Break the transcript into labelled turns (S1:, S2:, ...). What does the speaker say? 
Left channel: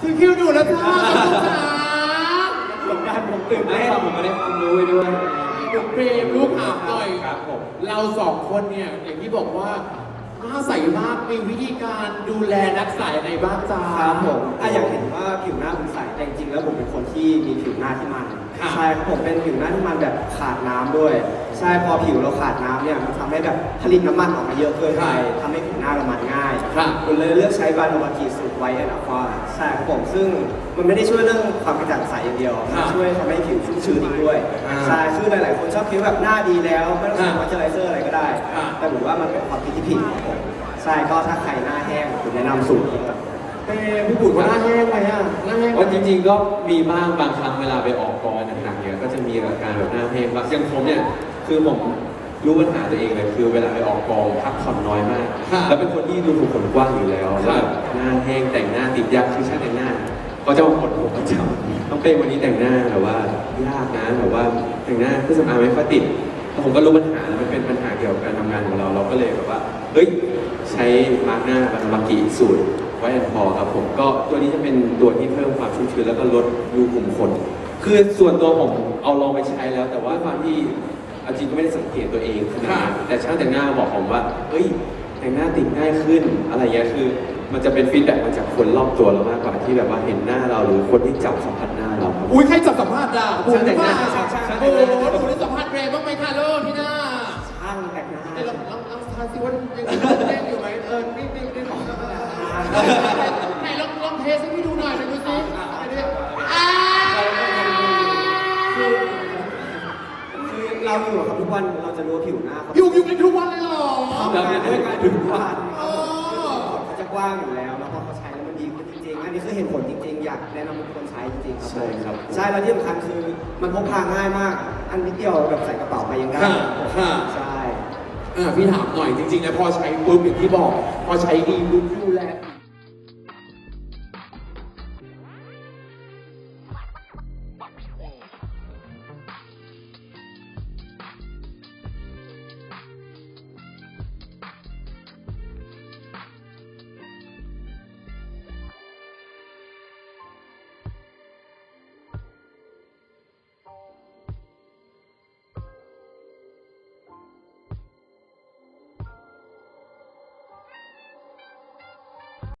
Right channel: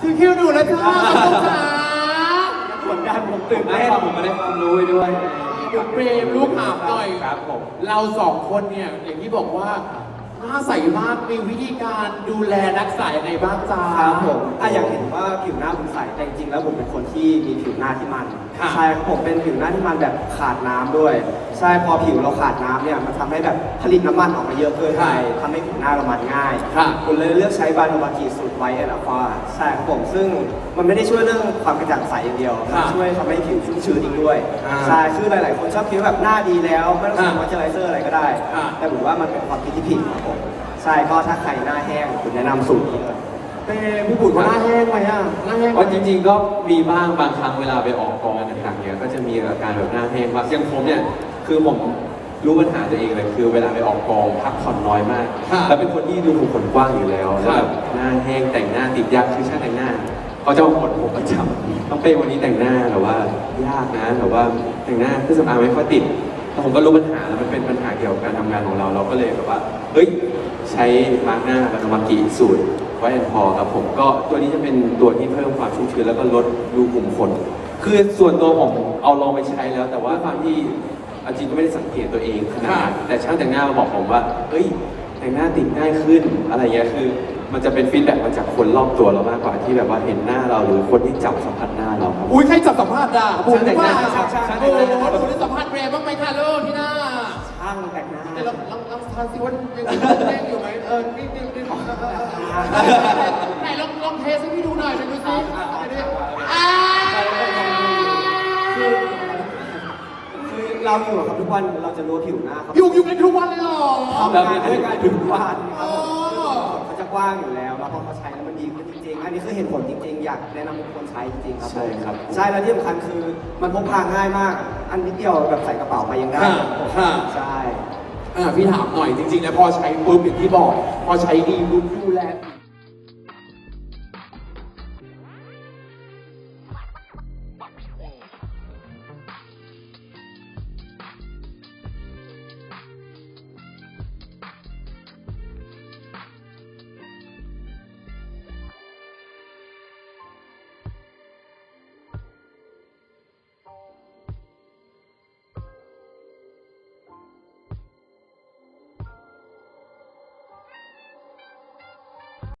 S1: ที่คิวดูนะจ๊ะขอบคุณค่ะ
S2: กดดันผมตื่น
S3: ได้
S2: เต้น
S3: ครับผมไม่ได้ความรู้ไปด้วย
S1: เดี๋ยวเปรมลูกถามหน่อย
S3: ครับผม
S1: เราสองคนเนี่ยอย่างที่บอกว่าหน้าใสมากมีวิธีการดูแลรักษายังไงบ้างจ๊ะ
S2: ครับผมอะอยากเห็น ที่มีผิวหน้าที่มัน
S1: ค่ะ
S2: ใช่ครับผมเป็นผิวหน้าที่มันแบบขาดน้ำด้วย ใช่พอผิวเราขาดน้ำเนี่ยมันทำให้แบบผลิตน้ำมันออกมาเยอะเกินไปทำให้ผิวหน้าเรามันง่าย
S1: ค่ะ
S2: คุณเลยเลือกใช้บาโนบากีสูตรไวแอนด์อัลฟาใช่ครับผมซึ่งมันไม่ได้ช่วยเรื่องความกระจ่างใสอย่างเดียวมันช่วยทำให้ผิวชุ่มชื้นอีกด้วย
S1: อ่า
S2: ใช่ซึ่งหลาย ๆ คนชอบคิดว่าแบบหน้าดีแล้วไม่ต้องใช้มอยเจอไรเซอร์อะไรก็ได้
S1: อ่า
S2: แต่ผมว่ามันเป็นความคิดที่ผิดครับผมใช่ก็ถ้าใครหน้าแห้งผมแนะนำสูตรนี้เลย
S1: เปรมพี่บุ๋มว่าหน้าแห้งไหมอะหน้าแห้งไหม
S3: ว่าจริงๆก็มีบ้างบางครั้งเวลาไปออกกองต่างๆเนี่ยก็จะมีอาการแบบหน้าแห้งบ้างอย่างผมเนี่ยคือผมรู้ปัญหาตัวเองเลยคือเวลาไปออกกองพักผ่อนน้อยมากแล้วเป็นคนที่ดูถูกขนกว้างอยู่แล้วแล้วแบบหน้าแห้งแต่งหน้าติดยากคือช่างแต่งหน้าเขาจะมาขนผมประจำต้องเป็นวันนี้แต่งหน้าหรือว่ายากนะหรือว่าแต่งหน้าเครื่องสำอางไม่ค่อยติด ผมก็รู้ปัญหามันเป็นปัญหาเกี่ยวกับการทำงานของเรา เราก็เลยแบบว่าเฮ้ยใช้มาร์กหน้าบันมากิสูตรไว้แอนพอครับผมก็ตัวนี้จะเป็นตัวที่เพิ่มความชุ่มชื้นแล้วก็ลดรูขุมขนคือส่วนตัวผมเอาลองไปใช้แล้ว แต่ว่าความที่อาจริงก็ไม่ได้สังเกตตัวเองขนาดนั้นแต่ช่างแต่งหน้ามาบอกผมว่าเฮ้ยแต่งหน้าติดง่ายขึ้นอะไรเงี้ยคือ มันจะเป็นฟีดแบ็กมาจากคนรอบตัวเรามากกว่าที่แบบว่าเห็นหน้าเราหรือคนที่จับสัมผัสหน้าเราครับ
S1: อุ้ยใครจับสัมภาษณ์อะบุ๋ม
S3: แต่งห
S1: ว่า
S3: น้าช่างแต่งหน้า
S1: เล่นอยู่ไหมเออนี่นี่นี่ไหนลองลองเทสให้พี่ดูหน่อยหน่อยดูสิอ่า
S2: คือเราอยู่กับทุกวันเราจะรู้ผิวหน้าเขา
S1: อยู่อยู่กันทุกวันเลยเหรอ
S2: ทำงานด้วยกันทุกวันค
S1: อ๋
S2: บ
S1: อ
S2: เขาจะกว้างอยู่แล้วแล้วพอเขาใช้แล้วมันดีขึ้นจริงๆ อันนี้คือเห็นผลจริงๆ อยากแนะนำให้ทุกคนใช้จริงๆครับ
S3: ใช่ครับ
S2: ใช่แล้วที่สำคัญคือมันพกพาง่ายมาก อันนิดเดียวแบบใส่กระเป๋าไปยังได้
S1: ค่ะค่ะ
S2: ใช่
S1: อ่าพี่ถามหน่อยจริงๆนะพอใช้ปุ๊บอย่างที่บอก พอใช้ดีปุ๊บดูแลปาก